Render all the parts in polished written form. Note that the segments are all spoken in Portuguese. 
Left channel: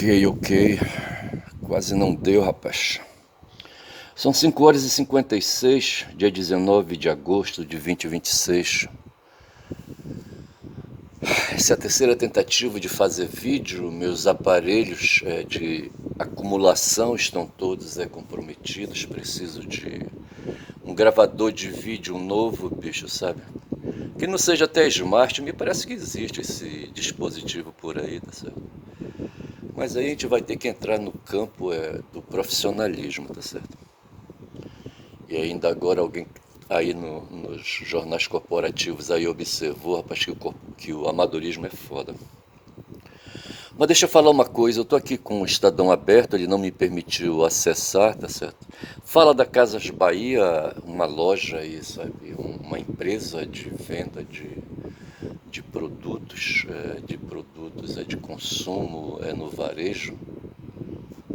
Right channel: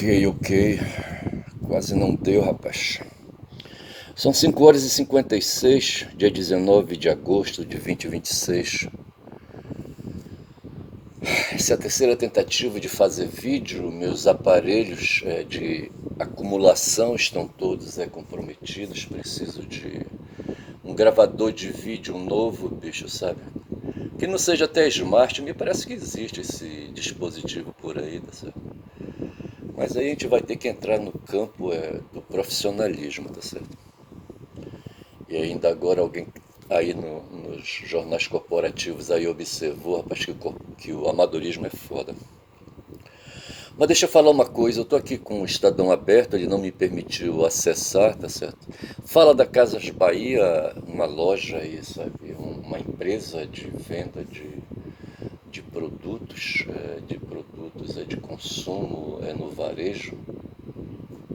Ok. Quase não deu, rapaz. São 5h56, dia 19 de agosto de 2026. Essa é a terceira tentativa de fazer vídeo. Meus aparelhos de acumulação estão todos comprometidos. Preciso de um gravador de vídeo novo, bicho, sabe? Que não seja até smart. Me parece que existe esse dispositivo por aí, tá certo? Mas aí a gente vai ter que entrar no campo do profissionalismo, tá certo? E ainda agora alguém aí nos jornais corporativos aí observou, rapaz, que o amadorismo é foda. Mas deixa eu falar uma coisa, eu tô aqui com o Estadão aberto, ele não me permitiu acessar, tá certo? Fala da Casas Bahia, uma loja aí, sabe? Uma empresa de venda de produtos, de consumo no varejo.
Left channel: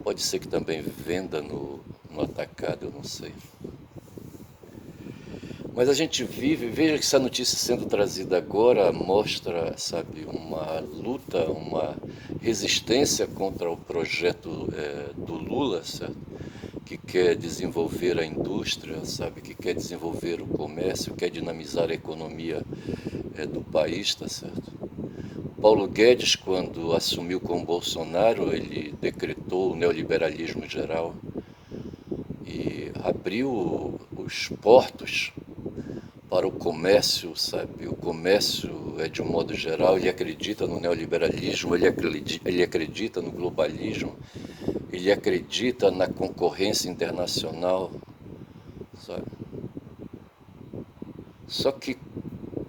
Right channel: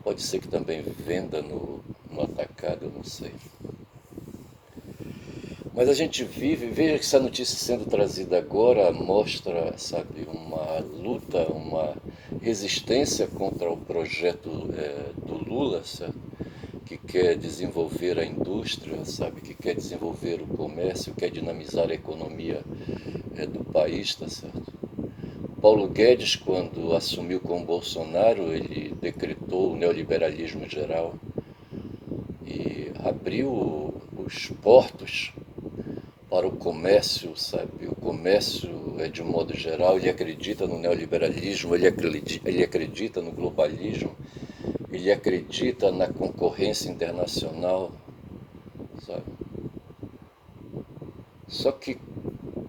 Pode ser que também venda no atacado, eu não sei. Mas a gente veja que essa notícia sendo trazida agora mostra, sabe, uma luta, uma resistência contra o projeto do Lula, certo? Que quer desenvolver a indústria, sabe, que quer desenvolver o comércio, quer dinamizar a economia do país, tá certo? Paulo Guedes, quando assumiu com Bolsonaro, ele decretou o neoliberalismo geral e abriu os portos para o comércio, sabe? O comércio, de um modo geral, ele acredita no neoliberalismo, ele acredita no globalismo, ele acredita na concorrência internacional, sabe? Só que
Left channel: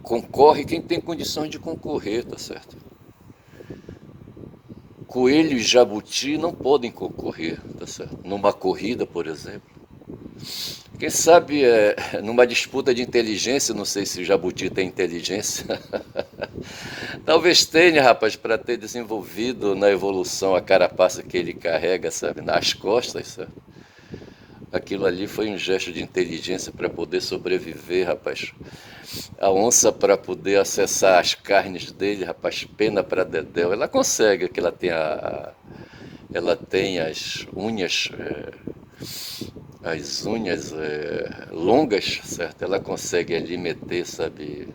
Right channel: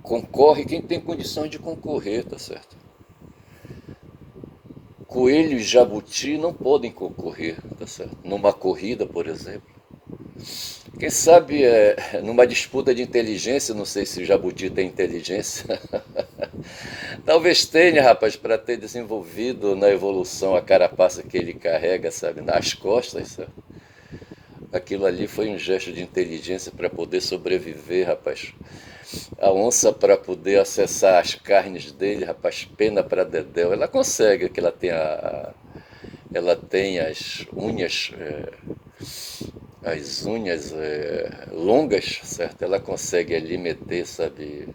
concorre quem tem condições de concorrer, tá certo? Coelho e jabuti não podem concorrer, tá certo? Numa corrida, por exemplo. Quem sabe numa disputa de inteligência, não sei se o jabuti tem inteligência. Talvez tenha, rapaz, para ter desenvolvido na evolução a carapaça que ele carrega, sabe, nas costas, sabe? Aquilo ali foi um gesto de inteligência para poder sobreviver, rapaz. A onça para poder acessar as carnes dele, rapaz, pena para dedéu. Ela consegue, que ela tem as unhas longas, certo? Ela consegue ali meter, sabe,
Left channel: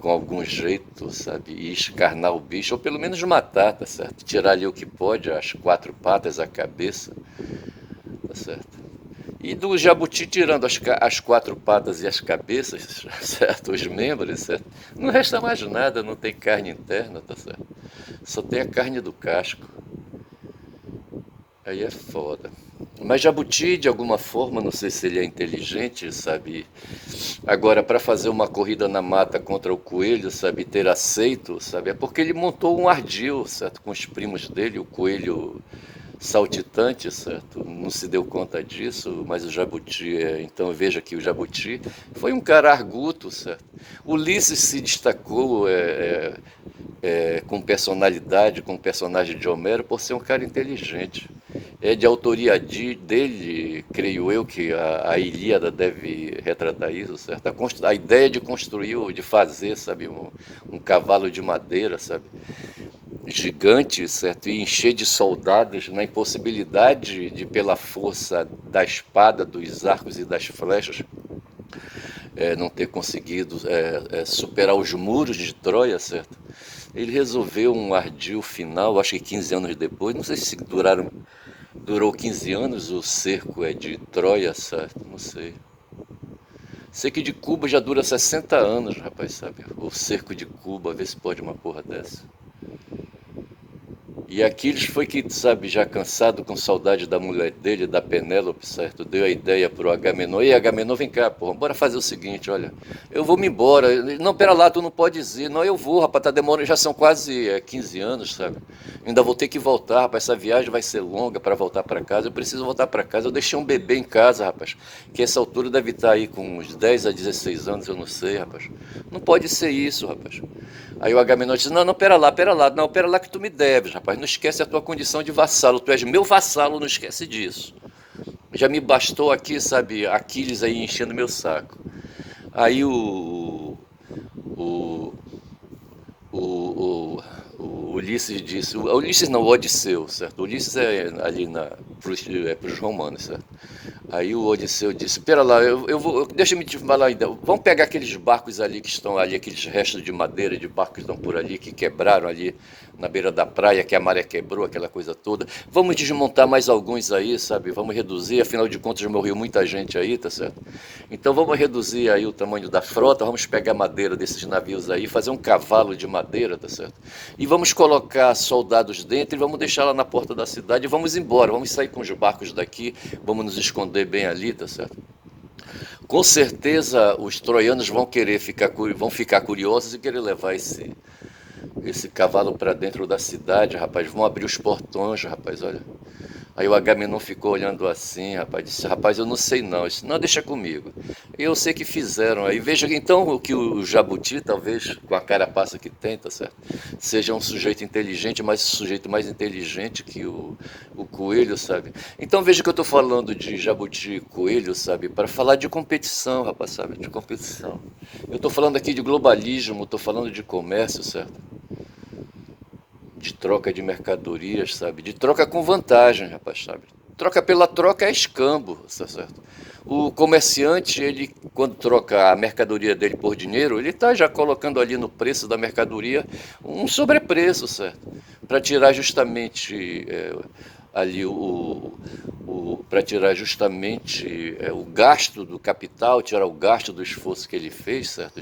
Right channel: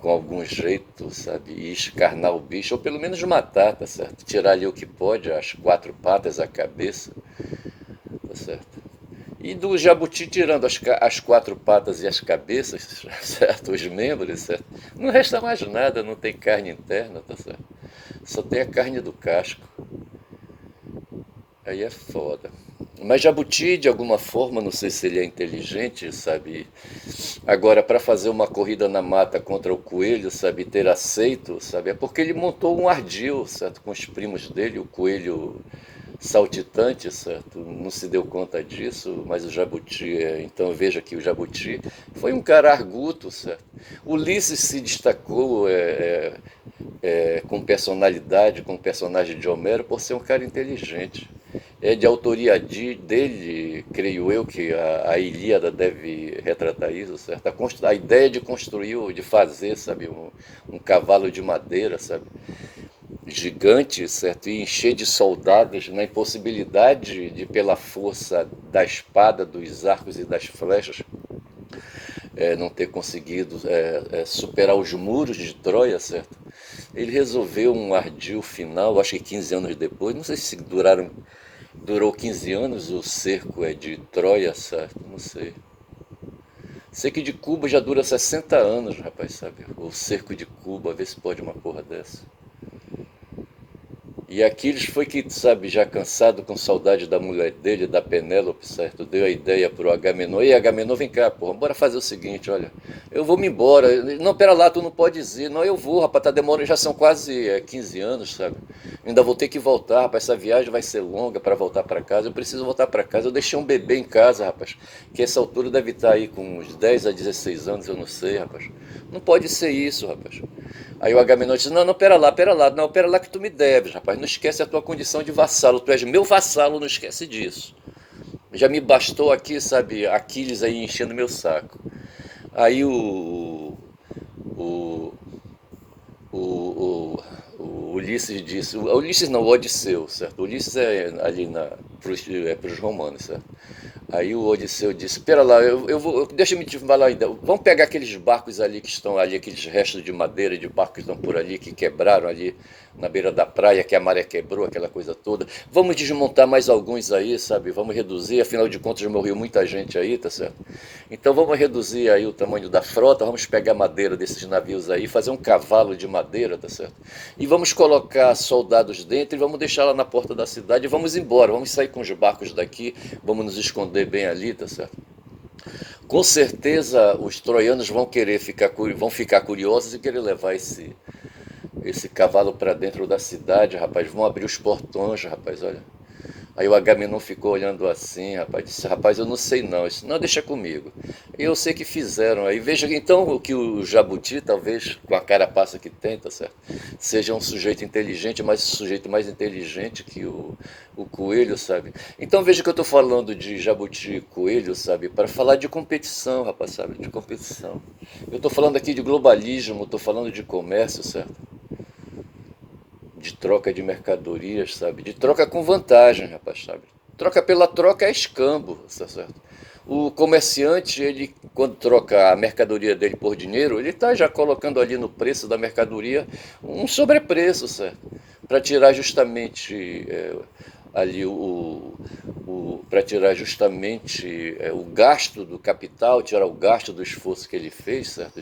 com algum jeito, sabe, e escarnar o bicho, ou pelo menos matar, tá certo? Tirar ali o que pode, as quatro patas, a cabeça, tá certo? E do jabuti, tirando as quatro patas e as cabeças, certo? Os membros, certo? Não resta mais nada, não tem carne interna, tá certo? Só tem a carne do casco. Aí é foda. Mas jabuti, de alguma forma, não sei se ele é inteligente, sabe? Agora, para fazer uma corrida na mata contra o coelho, sabe, ter aceito, sabe? É porque ele montou um ardil, certo? Com os primos dele, o coelho saltitante, certo? Não se deu conta disso, mas o jabuti, então veja que o jabuti foi um cara arguto, certo? Ulisses se destacou com personalidade, com o personagem de Homero, por ser um cara inteligente. É de autoria dele, creio eu, que a Ilíada deve retratar isso, certo? A ideia de construir, de fazer, sabe, um cavalo de madeira, sabe, gigante, certo? E encher de soldados na impossibilidade de, pela força da espada, dos arcos e das flechas, não ter conseguido superar os muros de Troia, certo? Ele resolveu um ardil final, acho que 15 anos depois, não sei se durou 15 anos o cerco de Troia, certo? Não sei. Sei que de Cuba já dura 60 anos, rapaz, sabe? O cerco de Cuba, vê se pode uma porra dessa. E Aquiles foi que, sabe, já cansado, com saudade da mulher dele, da Penélope, certo? Deu a ideia pro Agamenon. Ei, Agamenon, vem cá, porra, bora fazer o seguinte, olha. Eu vou me embora. Não, pera lá, tu não pode ir. Não, eu vou, rapaz, tá demorando, já são quase 15 anos, sabe? Ainda vou ter que voltar, rapaz, essa viagem vai ser longa para voltar para casa. Eu preciso voltar para casa. Eu deixei um bebê em casa, rapaz, que essa altura deve estar aí com uns 10 a 16 anos, eu não sei, rapaz. Não pode ser isso, rapaz. Aí o Agamenon disse, não, pera lá, não, pera lá que tu me deves, rapaz, não esquece a tua condição de vassalo, tu és meu vassalo, não esquece disso. Já me bastou aqui, sabe, Aquiles aí enchendo meu saco. Aí o, o, o O Ulisses disse, o Ulisses não, o Odisseu, certo? O Ulisses é ali pros romanos, certo? Aí o Odisseu disse, pera lá, deixa-me te falar ainda, vamos pegar aqueles barcos ali que estão ali, aqueles restos de madeira de barcos que estão por ali, que quebraram ali na beira da praia, que a maré quebrou, aquela coisa toda. Vamos desmontar mais alguns aí, sabe? Vamos reduzir, afinal de contas morreu muita gente aí, tá certo? Então vamos reduzir aí o tamanho da frota, vamos pegar madeira desses navios aí, fazer um cavalo de madeira, tá certo? E vamos colocar soldados dentro e vamos deixar lá na porta da cidade e vamos embora, vamos sair com os barcos daqui, vamos nos esconder bem ali, tá certo? Com certeza os troianos vão ficar curiosos e querer levar esse cavalo para dentro da cidade, rapaz. Vão abrir os portões, rapaz, olha. Aí o Agamenon ficou olhando assim, rapaz, disse, rapaz, eu não sei não, isso não deixa comigo. Eu sei que fizeram. Aí veja então o que o jabuti, talvez, com a carapaça que tem, tá certo? Seja um sujeito inteligente, mas sujeito mais inteligente que o coelho, sabe? Então veja que eu estou falando de jabuti e coelho, sabe? Para falar de competição, rapaz, sabe? De competição. Eu estou falando aqui de globalismo, estou falando de comércio, certo? De troca de mercadorias, sabe? De troca com vantagem, rapaz, sabe? Troca pela troca é escambo, tá certo? O comerciante, ele, quando troca a mercadoria dele por dinheiro, ele está já colocando ali no preço da mercadoria um sobrepreço, certo? Para tirar justamente ali para tirar justamente o gasto do capital, tirar o gasto do esforço que ele fez, certo?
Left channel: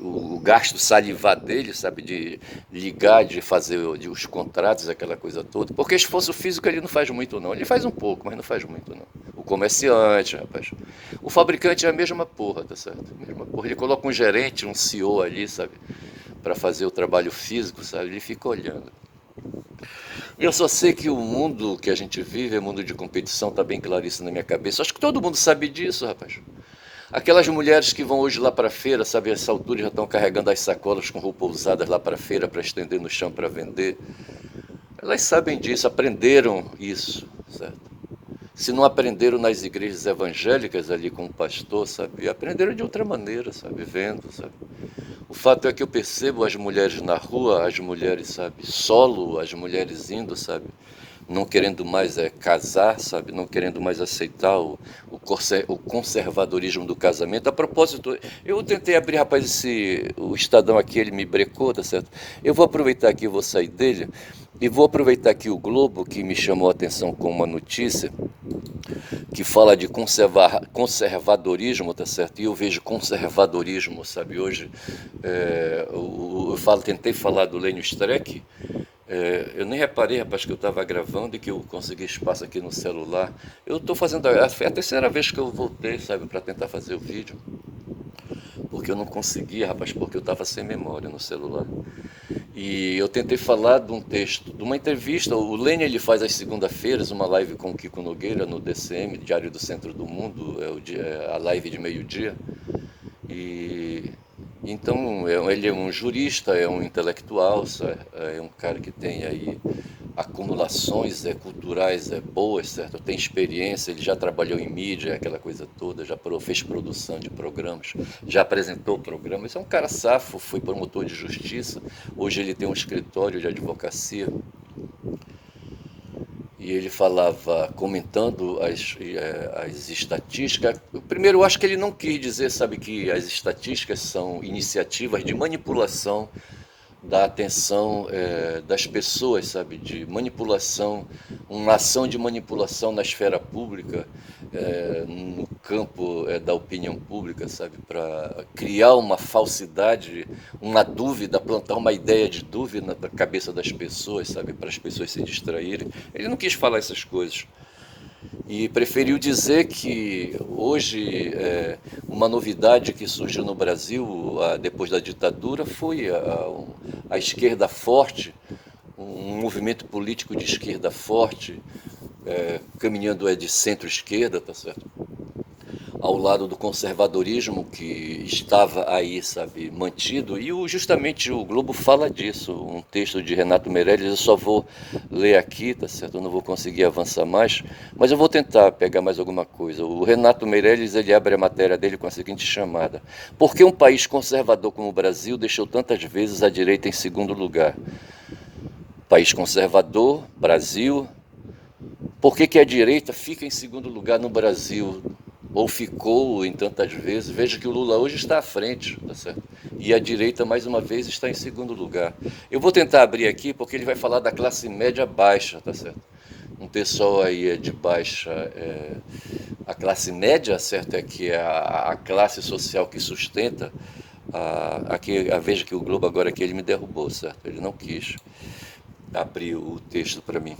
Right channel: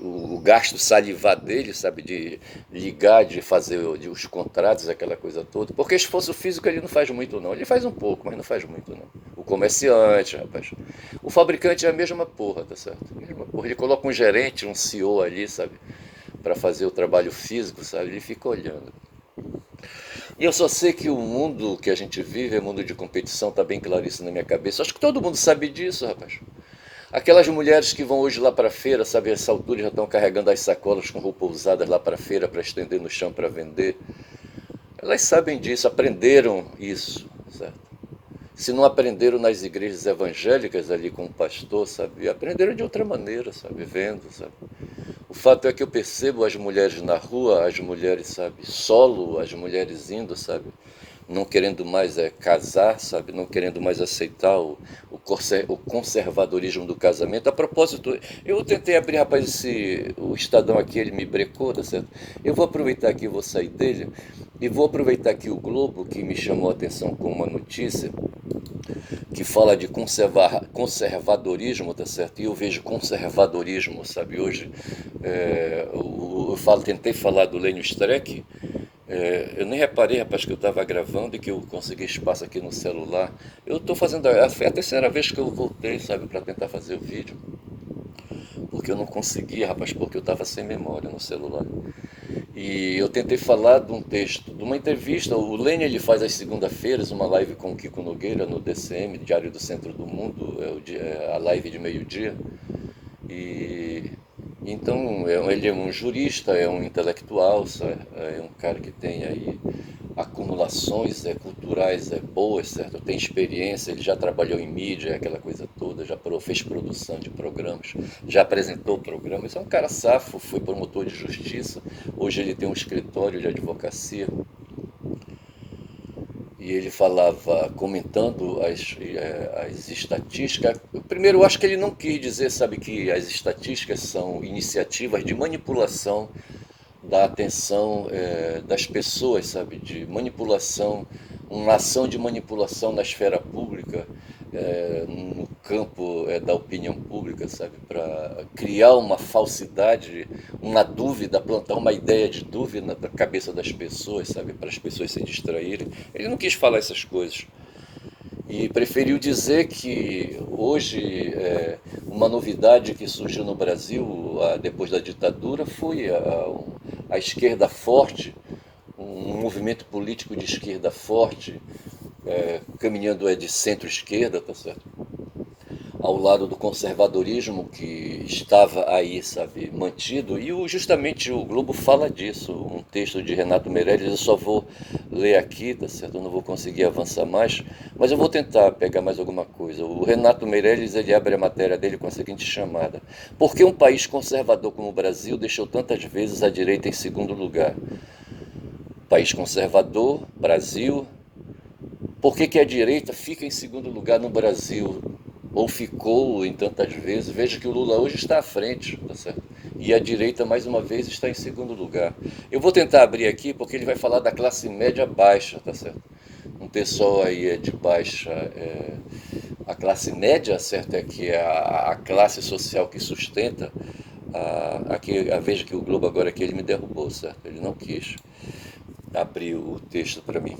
O gasto salivar dele, sabe? De ligar, de fazer os contratos, aquela coisa toda. Porque esforço físico ele não faz muito, não. Ele faz um pouco, mas não faz muito, não. O comerciante, rapaz. O fabricante é a mesma porra, tá certo? A mesma porra. Ele coloca um gerente, um CEO ali, sabe? Para fazer o trabalho físico, sabe? Ele fica olhando. E eu só sei que o mundo que a gente vive é mundo de competição, tá bem claro isso na minha cabeça. Acho que todo mundo sabe disso, rapaz. Aquelas mulheres que vão hoje lá para a feira, sabe, a essa altura já estão carregando as sacolas com roupa usadas lá para a feira para estender no chão para vender. Elas sabem disso, aprenderam isso, certo? Se não aprenderam nas igrejas evangélicas ali com o pastor, sabe, aprenderam de outra maneira, sabe, vendo, sabe. O fato é que eu percebo as mulheres na rua, as mulheres, sabe, solo, as mulheres indo, sabe, não querendo mais casar, sabe, não querendo mais aceitar o conservadorismo do casamento. A propósito, eu tentei abrir, rapaz, o Estadão aqui, ele me brecou, tá certo? Eu vou aproveitar aqui, vou sair dele, e vou aproveitar aqui o Globo, que me chamou a atenção com uma notícia, que fala de conservadorismo, tá certo? E eu vejo conservadorismo, sabe? Hoje, tentei falar do Lênio Streck, eu nem reparei, rapaz, que eu estava gravando e que eu consegui espaço aqui no celular. Eu estou fazendo, é a terceira vez que eu voltei, sabe, para tentar fazer o vídeo. Porque eu não conseguia, rapaz, porque eu estava sem memória no celular. E eu tentei falar de um texto, de uma entrevista. O Lênin, ele faz às segunda-feiras uma live com o Kiko Nogueira no DCM, Diário do Centro do Mundo, a live de meio-dia. E então ele é um jurista, é um intelectual, sabe? É um cara que tem aí acumulações culturais boas, certo? Tem experiência, ele já trabalhou em mídia, aquela coisa toda, já fez produção de programas, já apresentou programas. É um cara safo, foi promotor de justiça, hoje ele tem um escritório de advocacia. E ele falava, comentando as estatísticas. Primeiro, eu acho que ele não quis dizer, sabe, que as estatísticas são iniciativas de manipulação da atenção das pessoas, sabe, de manipulação, uma ação de manipulação na esfera pública, no campo da opinião pública, sabe, para criar uma falsidade, uma dúvida, plantar uma ideia de dúvida na cabeça das pessoas, sabe, para as pessoas se distraírem. Ele não quis falar essas coisas. E preferiu dizer que hoje uma novidade que surgiu no Brasil depois da ditadura foi a esquerda forte, um movimento político de esquerda forte, caminhando de centro-esquerda, tá certo? Ao lado do conservadorismo que estava aí, sabe, mantido. E justamente o Globo fala disso, um texto de Renato Meirelles, eu só vou ler aqui, tá certo? Eu não vou conseguir avançar mais, mas eu vou tentar pegar mais alguma coisa. O Renato Meirelles, ele abre a matéria dele com a seguinte chamada: por que um país conservador como o Brasil deixou tantas vezes a direita em segundo lugar? país conservador, Brasil. Por que que a direita fica em segundo lugar no Brasil? Ou ficou em tantas vezes? Veja que o Lula hoje está à frente, tá certo? E a direita, mais uma vez, está em segundo lugar. Eu vou tentar abrir aqui porque ele vai falar da classe média baixa, tá certo? Um pessoal aí de baixa. A classe média, certo? É que é a classe social que sustenta. Veja que o Globo agora aqui ele me derrubou, certo? Ele não quis abrir o texto para mim.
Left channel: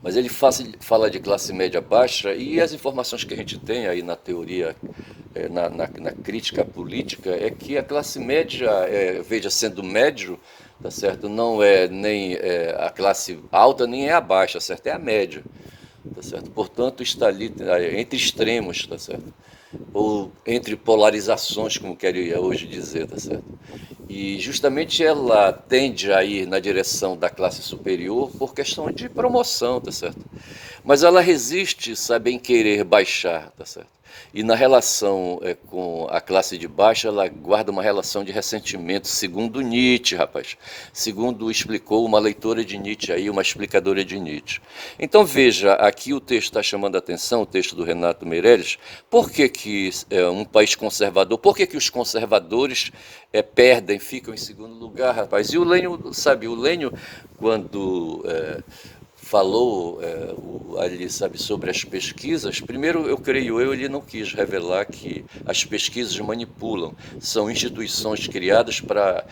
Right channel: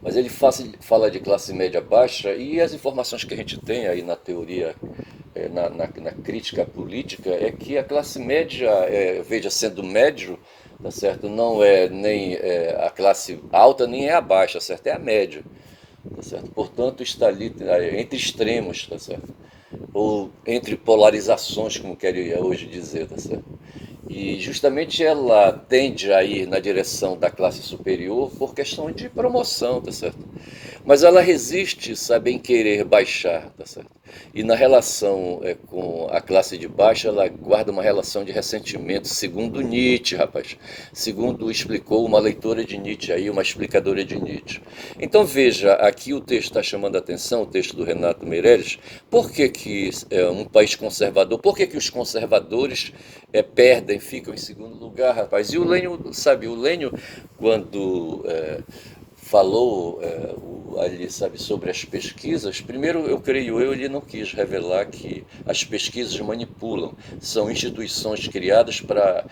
Mas ele fala de classe média baixa e as informações que a gente tem aí na teoria, na crítica política, é que a classe média, veja, sendo médio, tá certo? Não é nem a classe alta, nem é a baixa, certo? É a média, tá certo? Portanto, está ali entre extremos, tá certo? Ou entre polarizações, como quero hoje dizer, tá certo? E justamente ela tende a ir na direção da classe superior por questão de promoção, tá certo? Mas ela resiste, sabe, em querer baixar, tá certo? E na relação com a classe de baixo, ela guarda uma relação de ressentimento, segundo Nietzsche, rapaz. Segundo explicou uma leitora de Nietzsche aí, uma explicadora de Nietzsche. Então veja, aqui o texto está chamando a atenção, o texto do Renato Meirelles, por que que um país conservador, por que que os conservadores perdem, ficam em segundo lugar, rapaz? E o Lênio, sabe, o Lênio, quando falou ali, sabe, sobre as pesquisas, primeiro, eu creio ele não quis revelar que as pesquisas manipulam, são instituições criadas para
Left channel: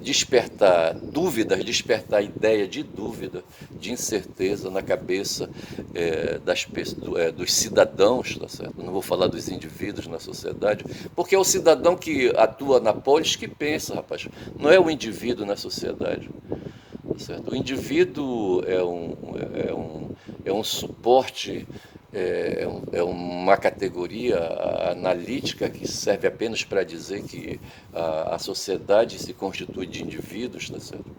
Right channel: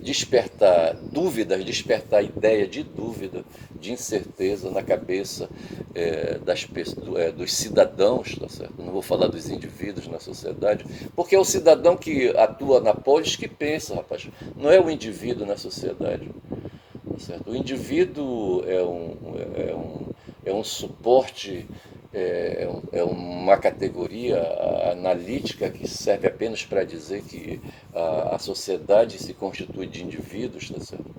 despertar dúvidas, despertar ideia de dúvida, de incerteza na cabeça dos cidadãos, tá certo? Não vou falar dos indivíduos na sociedade, porque é o cidadão que atua na polis que pensa, rapaz, não é o indivíduo na sociedade. Certo? O indivíduo é um suporte, uma categoria analítica que serve apenas para dizer que a sociedade se constitui de indivíduos, tá certo?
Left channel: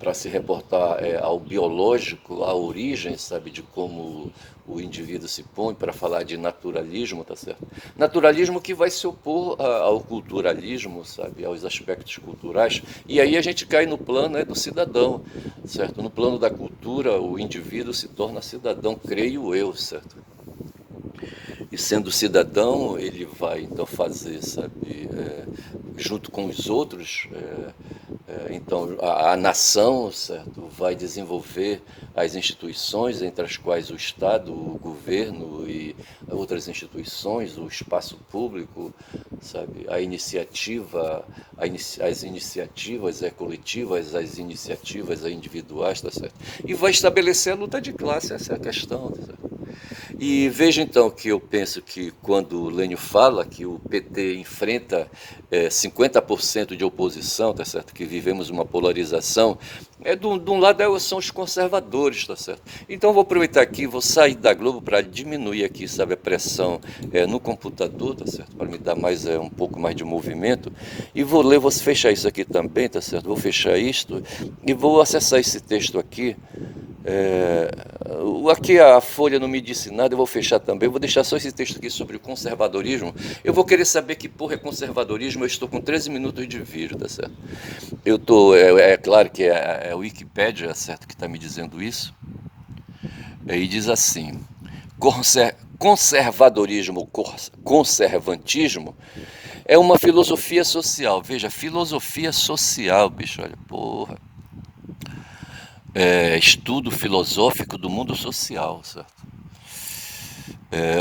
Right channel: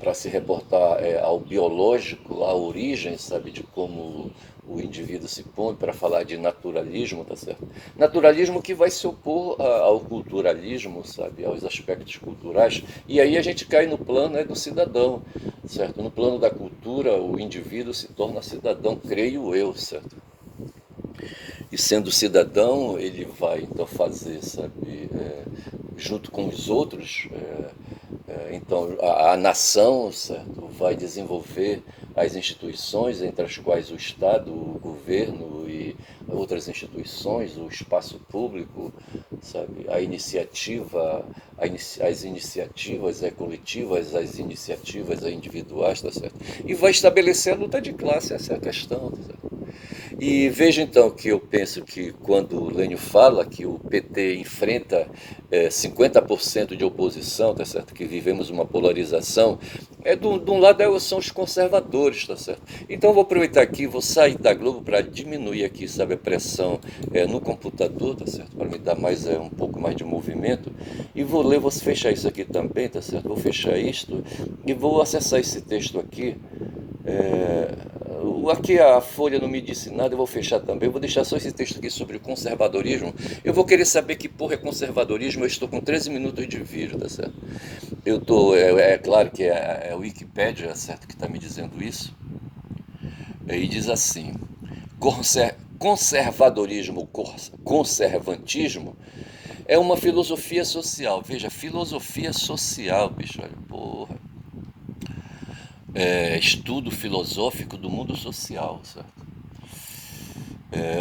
Para se reportar ao biológico, à origem, sabe, de como o indivíduo se põe, para falar de naturalismo, tá certo? Naturalismo que vai se opor ao culturalismo, sabe, aos aspectos culturais, e aí a gente cai no plano do cidadão, certo? No plano da cultura, o indivíduo se torna cidadão, creio eu, certo? E sendo cidadão, ele vai então fazer, sabe, junto com os outros, então a nação, certo, vai desenvolver as instituições, entre as quais o Estado, o governo e outras instituições, o espaço público, sabe, as iniciativas coletivas, as iniciativas individuais, tá certo? E vai estabelecer a luta de classe, essa é a questão, tá certo? E veja então que eu penso que quando o Lênio fala que o PT enfrenta 50% de oposição, tá certo? Que vivemos uma polarização, de um lado são os conservadores, tá certo? Então vou aproveitar aqui, vou sair da Globo para diminuir aqui, sabe, a pressão no computador, tá certo? Para me dar mais um pouco mais de movimento. E vou fechar isso aqui também, tá certo? Vou fechar isto e vou acessar esse texto aqui. Aqui a Folha não me disse nada, eu vou fechar também. Eu vou deixar só esse texto aqui sobre o conservadorismo. Eu vou querer saber que porra é conservadorismo. Eu estou com 13 minutos de vídeo, tá certo? Eu tô, claro que é a Wikipédia, certo, que está me dizendo isso. E diz assim: conservadorismo, conservantismo é uma filosofia social. Veja, filosofia social, bicho, olha, porra. Estudo filosófico do mundo social, certo?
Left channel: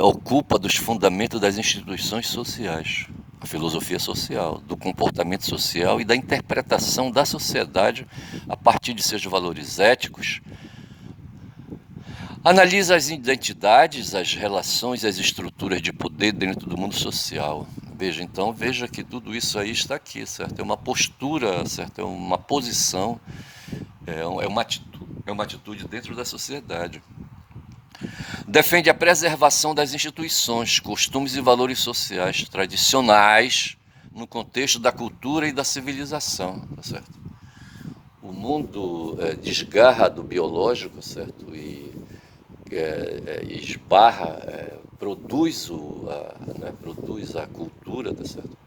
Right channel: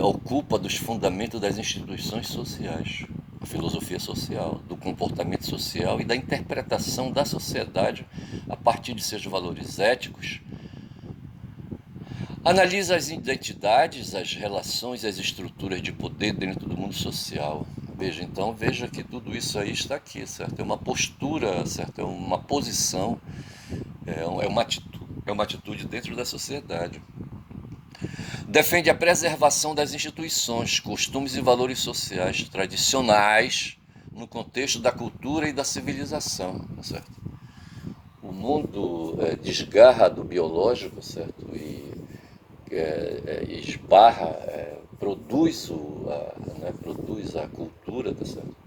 Ocupa dos fundamentos das instituições sociais, a filosofia social, do comportamento social e da interpretação da sociedade a partir de seus valores éticos. Analisa as identidades, as relações e as estruturas de poder dentro do mundo social. Veja que tudo isso aí está aqui, certo? É uma postura, certo? É uma posição, é uma atitude dentro da sociedade. Defende a preservação das instituições, costumes e valores sociais tradicionais no contexto da cultura e da civilização, tá certo? O mundo desgarra do biológico, certo? E esbarra, produz a cultura, tá certo?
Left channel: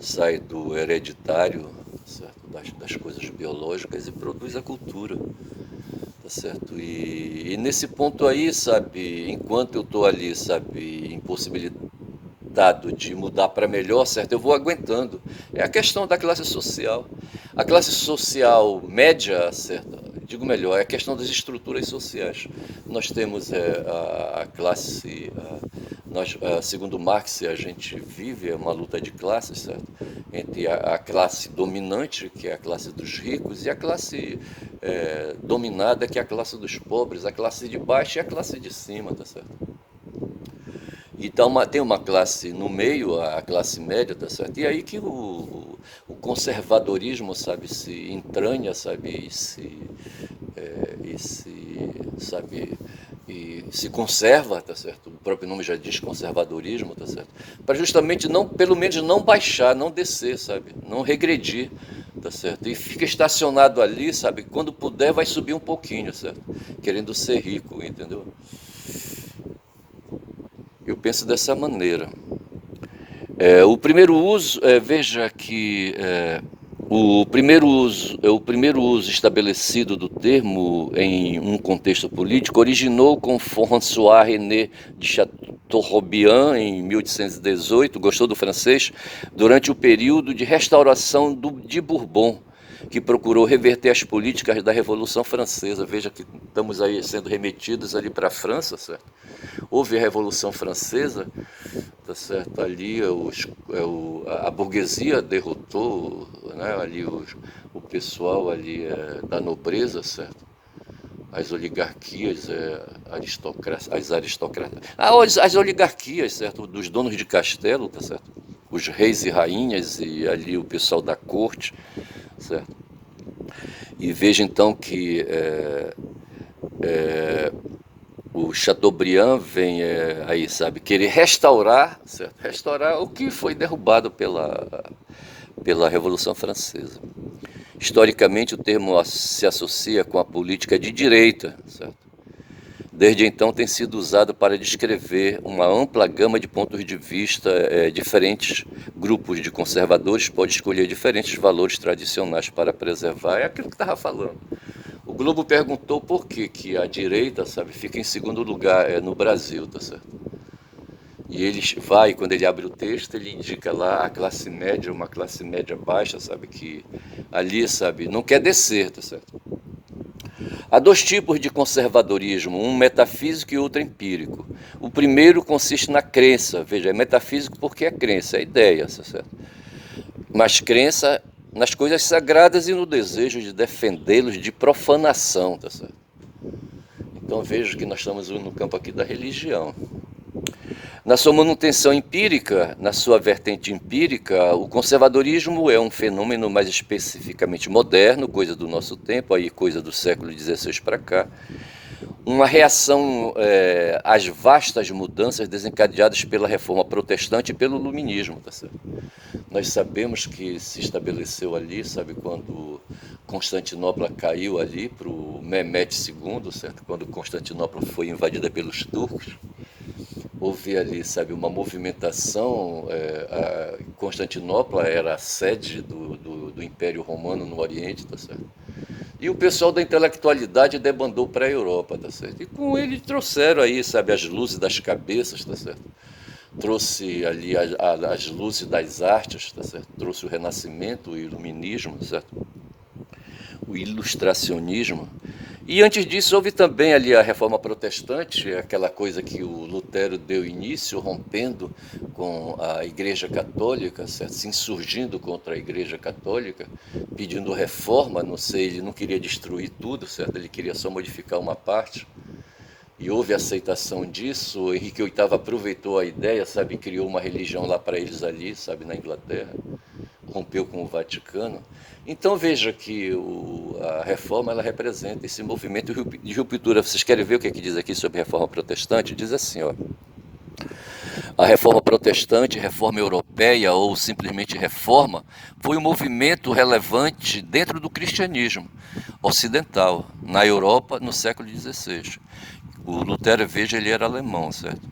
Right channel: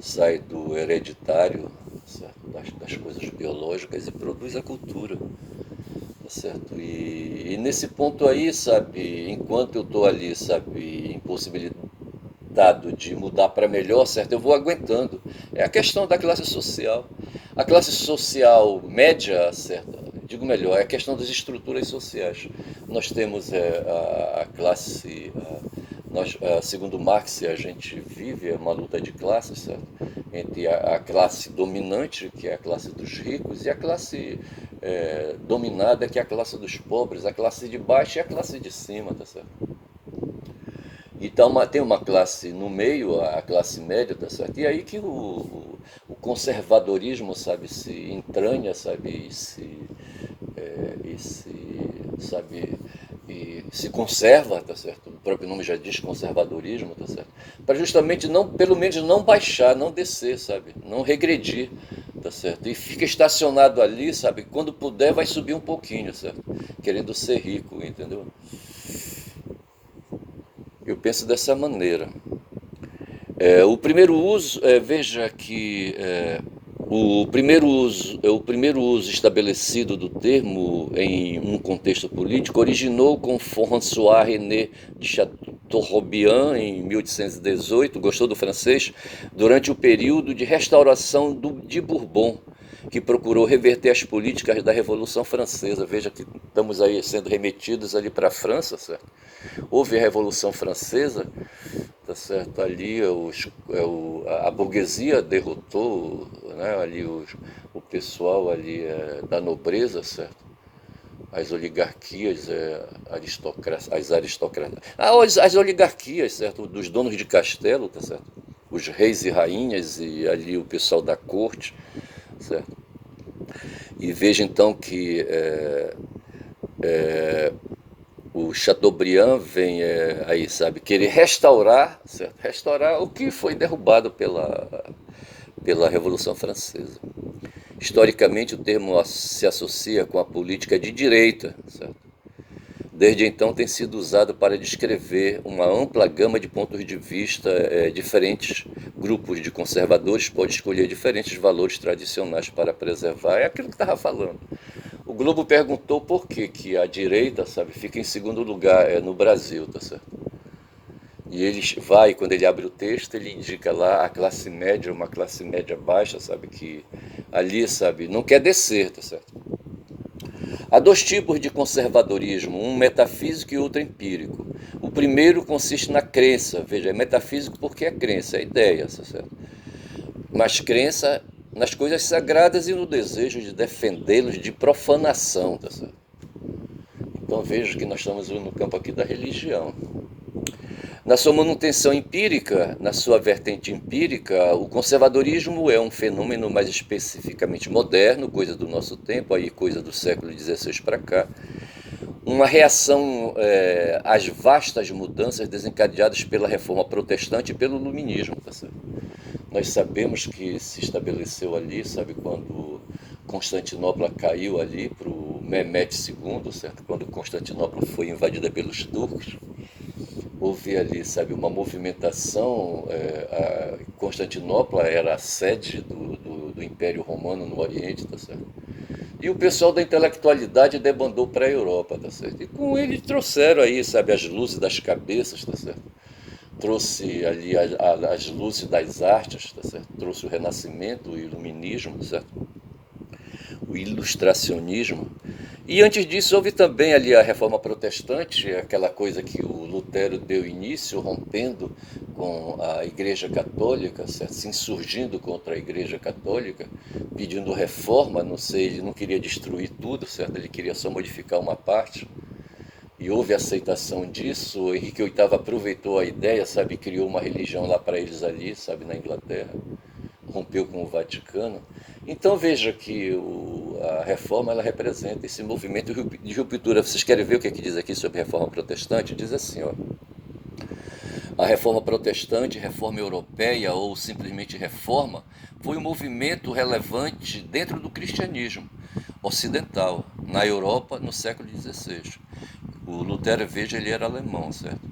Sai do hereditário, certo? das coisas biológicas e produz a cultura, tá certo? E nesse ponto aí, sabe, enquanto eu estou ali, sabe, impossibilitado de mudar para melhor, certo? Eu vou aguentando. É a questão da classe social. A classe social média, certo? Digo melhor, é a questão das estruturas sociais. Nós temos a classe, segundo Marx, a gente vive uma luta de classes, certo? Entre a classe dominante, que é a classe dos ricos, e a classe dominada, que é a classe dos pobres, a classe de baixo e a classe de cima, tá certo? Então tem uma classe no meio, a classe média, tá certo? E aí que o conservadorismo, sabe, se entranha, sabe, sabe, e se conserva, tá certo? O próprio nome já diz conservadorismo, tá certo? Para justamente não, pelo menos não baixar, não descer, sabe? Não regredir, tá certo? E fica estacionado ali, sabe? Quando puder vai subir um pouquinho, certo? Querendo ser rico, entendeu? Eu penso dessa maneira. O primeiro uso, veja que o primeiro uso estabelecido do termo em um contexto político originou com François-René de Chateaubriand em 1818, gostou do francês, durante o período de restauração de Bourbon, que procurou reverter as políticas da Revolução Francesa. Veja que estamos aí sendo remetidos ali para a França, certo? Houve a Revolução Francesa, tá certo? Ali a burguesia derrotou, né, ali o pessoal ali da nobreza, certo? As oligarquias, as aristocracias, as oligarquias, certo? Dos donos de castelo, tá certo? Os reis e rainhas e ali o pessoal da corte, certo? E veja então que o Chateaubriand vem aí, sabe, querer restaurar, certo? Restaurar o que foi derrubado pela Revolução Francesa. Historicamente, o termo se associa com a política de direita, certo? Desde então tem sido usado para descrever uma ampla gama de pontos de vista. Diferentes grupos de conservadores podem escolher diferentes valores tradicionais para preservar. É aquilo que estava falando. O Globo perguntou por que a direita, sabe, fica em segundo lugar no Brasil, tá certo? E ele vai, quando ele abre o texto, ele indica lá a classe média, uma classe média baixa, sabe, que ali, sabe, não quer descer, tá certo? Há dois tipos de conservadorismo, um metafísico e outro empírico. O primeiro consiste na crença, veja, é metafísico porque é crença, é ideia, tá certo? Mas crença nas coisas sagradas e no desejo de defendê-los de profanação, tá certo? Então veja que nós estamos no campo aqui da religião. Na sua manutenção empírica, na sua vertente empírica, o conservadorismo é um fenômeno mais especificamente moderno, coisa do nosso tempo, aí coisa do século XVI para cá, uma reação às vastas mudanças desencadeadas pela reforma protestante e pelo iluminismo, tá certo? Nós sabemos que se estabeleceu ali, sabe, quando Constantinopla caiu ali para o Mehmed II, certo? Quando Constantinopla foi invadida pelos turcos, houve ali, sabe, uma movimentação. Constantinopla era a sede do Império Romano no Oriente, tá certo? E o pessoal da intelectualidade debandou para a Europa, tá certo? E com ele trouxeram aí, sabe, as luzes das cabeças, tá certo? Trouxe ali as luzes das artes, tá certo? Trouxe o Renascimento, o Iluminismo, tá certo? O Ilustracionismo. E antes disso houve também ali a Reforma Protestante, aquela coisa que o Lutero deu início, rompendo com a Igreja Católica, certo? Se insurgindo contra a Igreja Católica, pedindo reforma, não sei, ele não queria destruir tudo, certo? Ele queria só modificar uma parte. E houve aceitação disso. O Henrique VIII aproveitou a ideia, sabe, criou uma religião lá para eles ali, sabe, na Inglaterra, rompeu com o Vaticano. Então veja que a reforma ela representa esse movimento de ruptura. Vocês querem ver o que diz aqui sobre a reforma protestante? Diz assim, ó. A reforma protestante, reforma europeia ou simplesmente reforma, foi um movimento relevante dentro do cristianismo ocidental, na Europa, no século XVI. O Lutero, veja, ele era alemão, certo?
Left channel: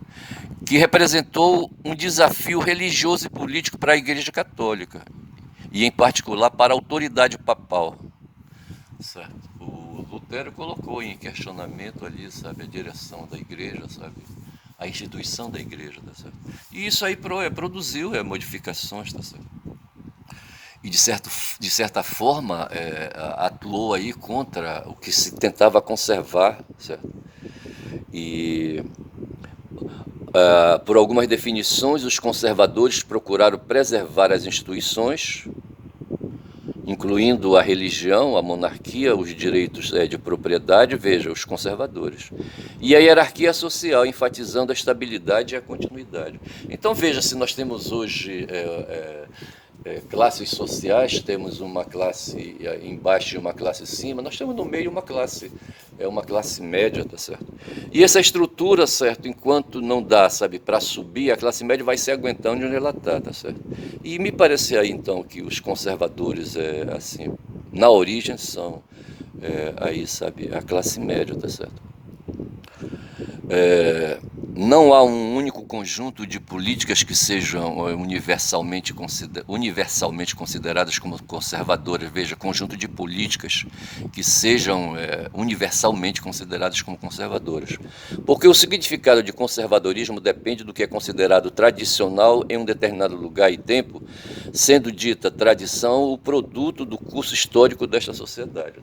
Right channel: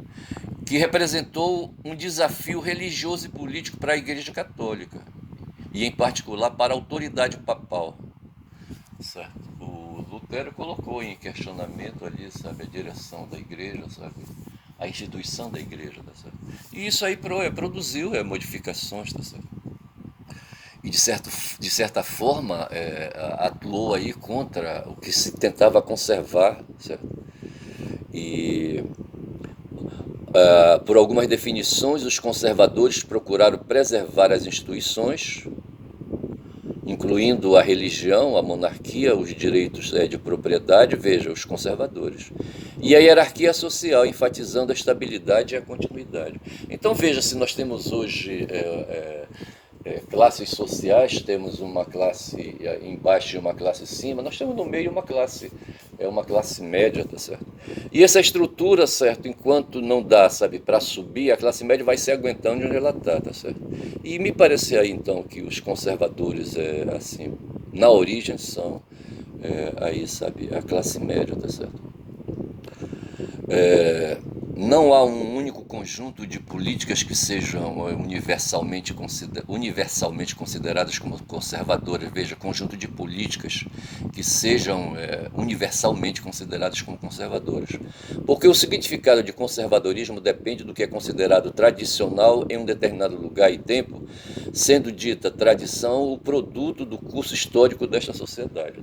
Que representou um desafio religioso e político para a Igreja Católica. e em particular para a autoridade papal, certo? O Lutero colocou em questionamento ali, sabe, a direção da igreja, sabe, a instituição da igreja, tá certo? E isso aí produziu modificações, tá certo? E de certa forma atuou aí contra o que se tentava conservar, certo? E por algumas definições, os conservadores procuraram preservar as instituições, incluindo a religião, a monarquia, os direitos de propriedade, veja, os conservadores. E a hierarquia social, enfatizando a estabilidade e a continuidade. Então veja, se nós temos hoje classes sociais, temos uma classe embaixo e uma classe acima, nós temos no meio uma classe média, tá certo? E essa estrutura, certo, enquanto não dá, sabe, para subir, a classe média vai se aguentando onde ela está, tá certo? E me parece aí, então, que os conservadores, assim, na origem são, aí, sabe, a classe média, tá certo? Não há um único conjunto de políticas que sejam universalmente consideradas como conservadoras. Veja, conjunto de políticas que sejam universalmente consideradas como conservadoras. Porque o significado de conservadorismo depende do que é considerado tradicional em um determinado lugar e tempo, sendo dita tradição o produto do curso histórico desta sociedade.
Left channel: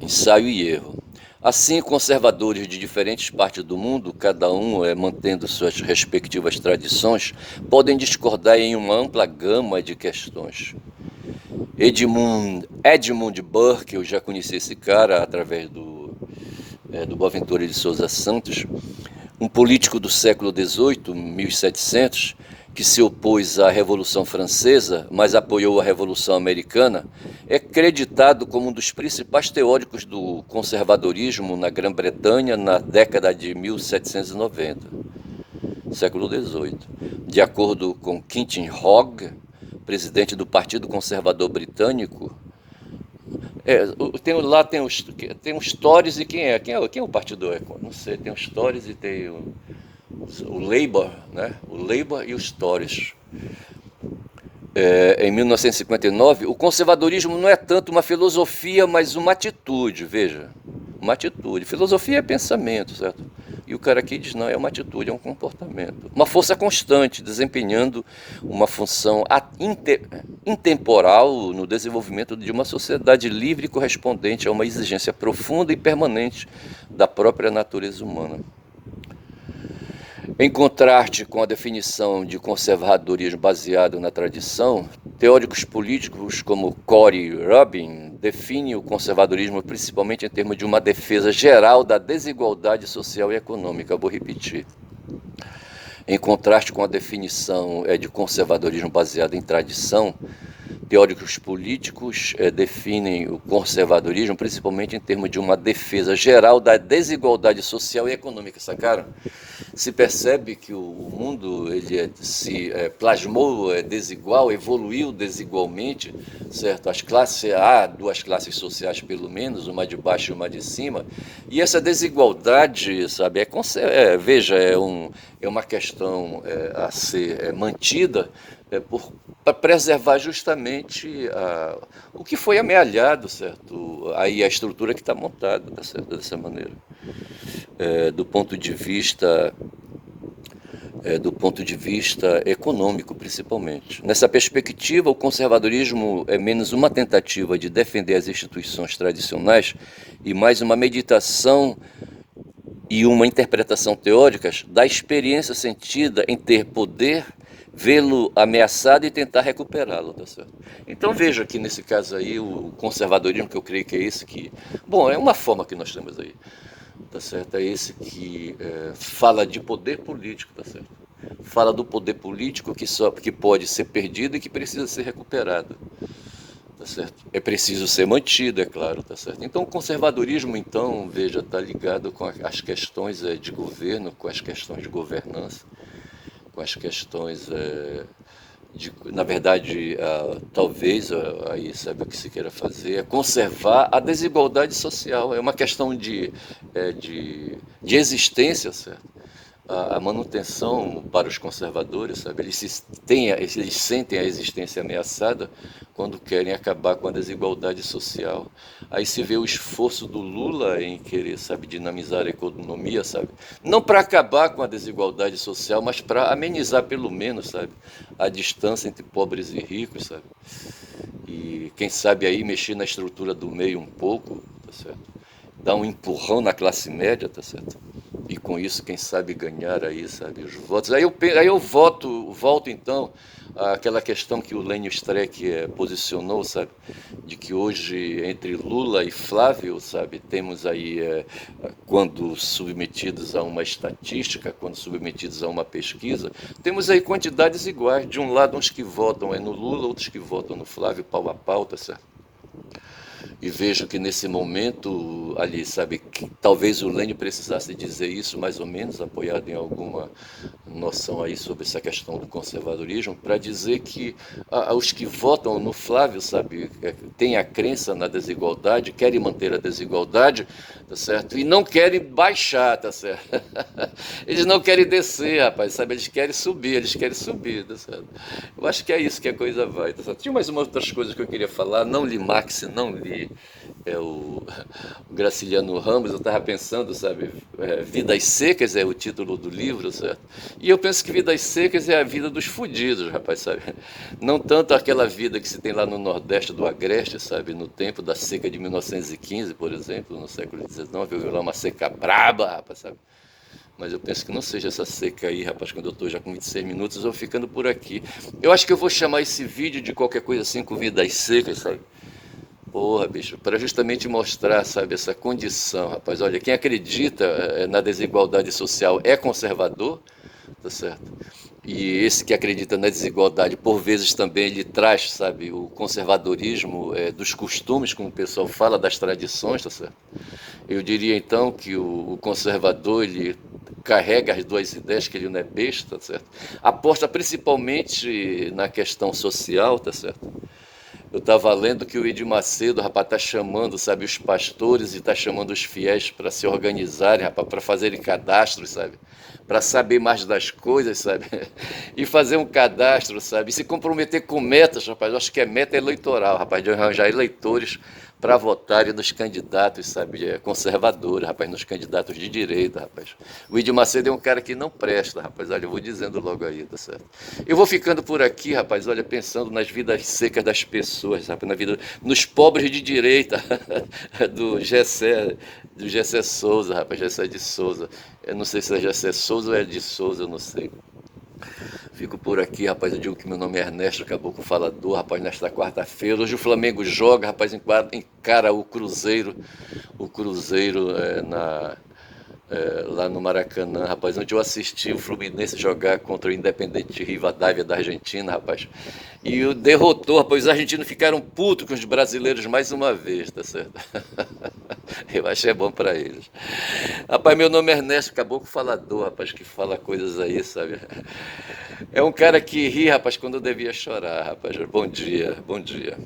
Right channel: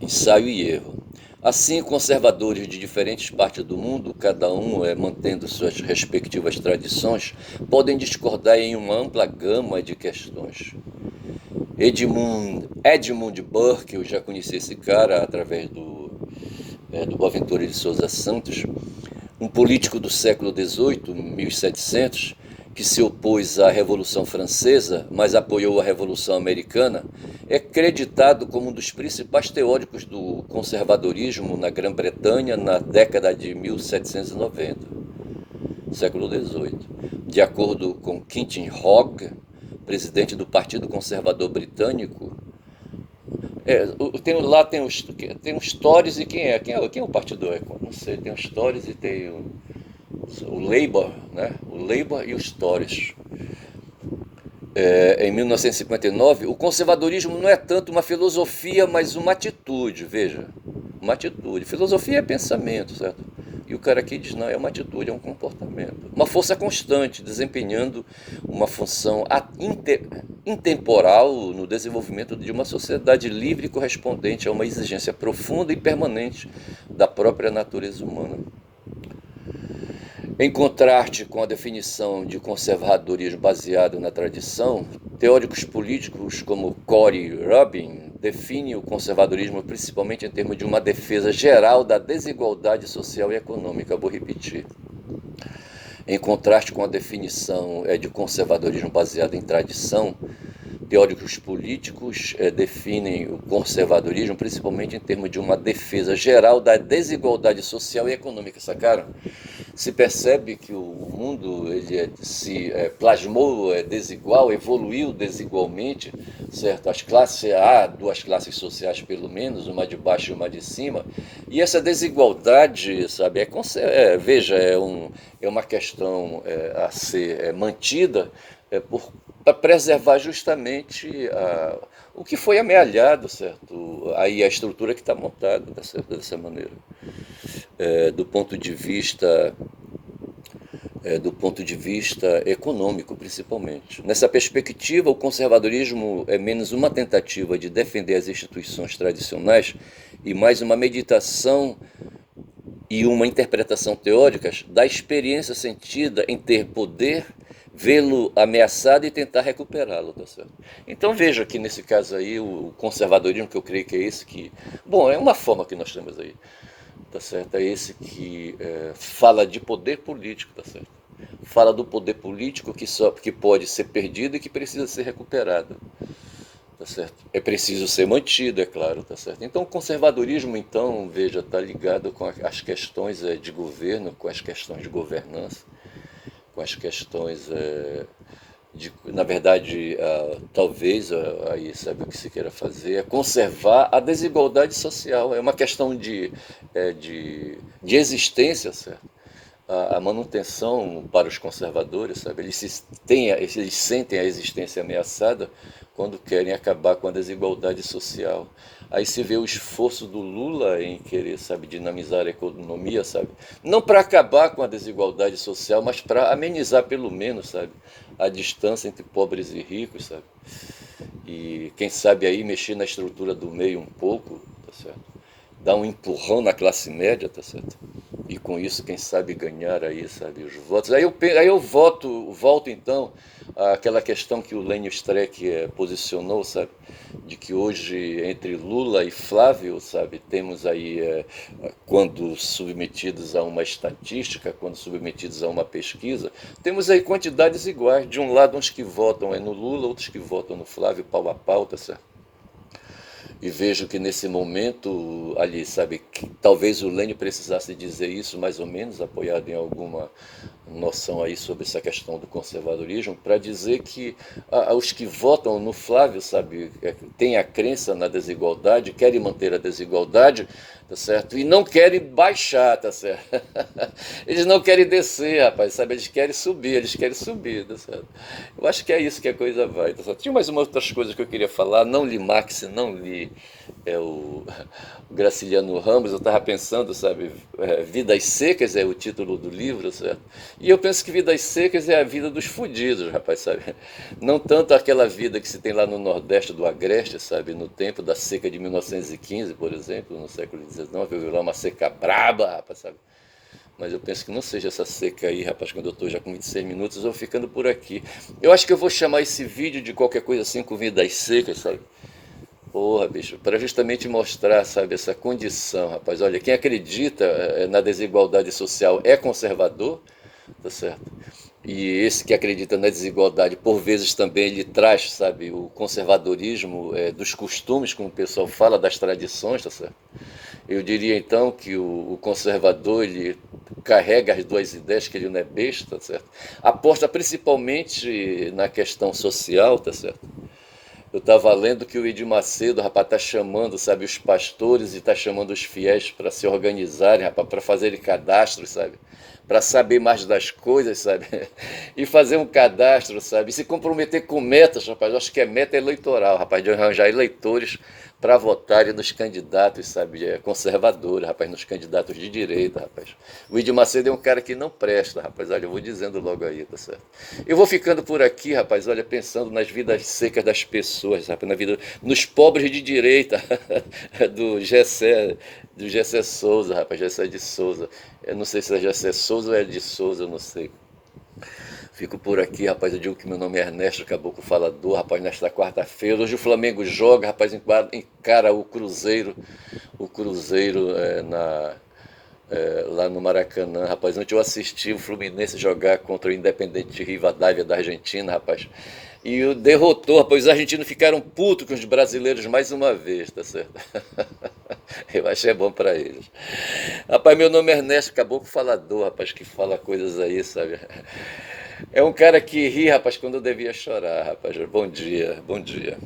Ensaio e erro. Assim, conservadores de diferentes partes do mundo, cada um mantendo suas respectivas tradições, podem discordar em uma ampla gama de questões. Edmund Burke, eu já conheci esse cara através do Boaventura de Souza Santos, um político do século XVIII, 1700, que se opôs à Revolução Francesa, mas apoiou a Revolução Americana, é creditado como um dos principais teóricos do conservadorismo na Grã-Bretanha na década de 1790, século XVIII. De acordo com Quentin Hogg, presidente do Partido Conservador Britânico, tem os Tories e quem é o partido? Não sei, tem os Tories e tem o Labour, né? O Labour e os Tories. Em 1959, o conservadorismo não é tanto uma filosofia, mas uma atitude, veja, uma atitude. Filosofia é pensamento, certo? E o cara aqui diz, não, é uma atitude, é um comportamento. Uma força constante, desempenhando uma função intemporal no desenvolvimento de uma sociedade livre e correspondente a uma exigência profunda e permanente da própria natureza humana. Em contraste com a definição de conservadorismo baseado na tradição, teóricos políticos como Cory Rubin definem o conservadorismo principalmente em termos de uma defesa geral da desigualdade social e econômica. Vou repetir. Em contraste com a definição de conservadorismo baseado em tradição, teóricos políticos definem o conservadorismo principalmente em termos de uma defesa geral da desigualdade social e econômica, sacaram? Se percebe que o mundo se plasmou desigual, evoluiu desigualmente, certo? Há duas classes sociais pelo menos, uma de baixo e uma de cima, e essa desigualdade, sabe, veja, é uma questão a ser mantida para preservar justamente o que foi amealhado, certo? Aí a estrutura que está montada, tá certo? Dessa maneira. Do ponto de vista econômico, principalmente. Nessa perspectiva, o conservadorismo é menos uma tentativa de defender as instituições tradicionais e mais uma meditação e uma interpretação teórica da experiência sentida em ter poder, vê-lo ameaçado e tentar recuperá-lo, tá certo? Então veja que nesse caso aí o conservadorismo, que eu creio que é esse que... Bom, é uma forma que nós temos aí, tá certo? É esse que fala de poder político, tá certo? Fala do poder político que pode ser perdido e que precisa ser recuperado, tá certo? É preciso ser mantido, é claro, tá certo? Então o conservadorismo, então, veja, está ligado com as questões de governo, com as questões de governança, com as questões na verdade, talvez, aí sabe o que se queira fazer, é conservar a desigualdade social, é uma questão de existência, certo? a manutenção para os conservadores, sabe? Eles sentem a existência ameaçada quando querem acabar com a desigualdade social. Aí se vê o esforço do Lula em querer, sabe, dinamizar a economia, sabe? Não para acabar com a desigualdade social, mas para amenizar pelo menos, sabe, a distância entre pobres e ricos, sabe? E quem sabe aí mexer na estrutura do meio um pouco, tá certo? Dar um empurrão na classe média, tá certo? E com isso, quem sabe ganhar aí, sabe, os votos. Aí eu volto então àquela questão que o Lênio Streck posicionou, sabe, de que hoje entre Lula e Flávio, sabe, temos aí, quando submetidos a uma estatística, quando submetidos a uma pesquisa, temos aí quantidades iguais. De um lado, uns que votam no Lula, outros que votam no Flávio, pau a pau, tá certo? E vejo que nesse momento ali, sabe, que talvez o Lênin precisasse dizer isso mais ou menos, apoiado em alguma noção aí sobre essa questão do conservadorismo, para dizer que os que votam no Flávio, sabe, têm a crença na desigualdade, querem manter a desigualdade, tá certo? E não querem baixar, tá certo? Eles não querem descer, rapaz, sabe? Eles querem subir, tá certo? Eu acho que é isso que a coisa vai, tá certo? Tinha mais umas outras coisas que eu queria falar, não li Marx, não li o Graciliano Ramos, eu estava pensando, sabe, Vidas Secas é o título do livro, certo? E eu penso que Vidas Secas é a vida dos fudidos, rapaz, sabe? Não tanto aquela vida que se tem lá no Nordeste do Agreste, sabe, no tempo da seca de 1915, por exemplo, no século XIX, eu vi lá uma seca braba, rapaz, sabe? Mas eu penso que não seja essa seca aí, rapaz, quando eu estou já com 26 minutos, eu vou ficando por aqui. Eu acho que eu vou chamar esse vídeo de qualquer coisa assim com Vidas Secas, sabe? Porra, bicho, para justamente mostrar, sabe, essa condição, rapaz. Olha, quem acredita na desigualdade social é conservador, tá certo? E esse que acredita na desigualdade, por vezes também ele traz, sabe, o conservadorismo dos costumes, como o pessoal fala, das tradições, tá certo? Eu diria então que o conservador, ele carrega as duas ideias, que ele não é besta, tá certo? Aposta principalmente na questão social, tá certo? Eu estava lendo que o Edir Macedo, rapaz, está chamando, sabe, os pastores e está chamando os fiéis para se organizarem, rapaz, para fazerem cadastros, sabe? Para saber mais das coisas, sabe? E fazer um cadastro, sabe? E se comprometer com metas, rapaz. Eu acho que é meta eleitoral, rapaz, de arranjar eleitores para votarem nos candidatos, sabe, conservadores, rapaz, nos candidatos de direita, rapaz. O Edir Macedo é um cara que não presta, rapaz, olha, eu vou dizendo logo aí, tá certo? Eu vou ficando por aqui, rapaz, olha, pensando nas vidas secas das pessoas, rapaz, na vida, nos pobres de direita, do Gessé Souza, rapaz, Gessé de Souza. Eu não sei se é Gessé Souza ou é de Souza, eu não sei. Fico por aqui, rapaz. Eu digo que meu nome é Ernesto Caboclo Falador, rapaz, nesta quarta-feira. Hoje o Flamengo joga, rapaz, encara o Cruzeiro lá no Maracanã, rapaz. Ontem eu assisti o Fluminense jogar contra o Independente Rivadavia da Argentina, rapaz. E o derrotou, rapaz. Os argentinos ficaram putos com os brasileiros mais uma vez, tá certo? Eu achei bom pra eles. Rapaz, meu nome é Ernesto Caboclo Falador, rapaz, que fala coisas aí, sabe? É um cara que ri, rapaz, quando eu devia chorar, rapaz. Bom dia, bom dia.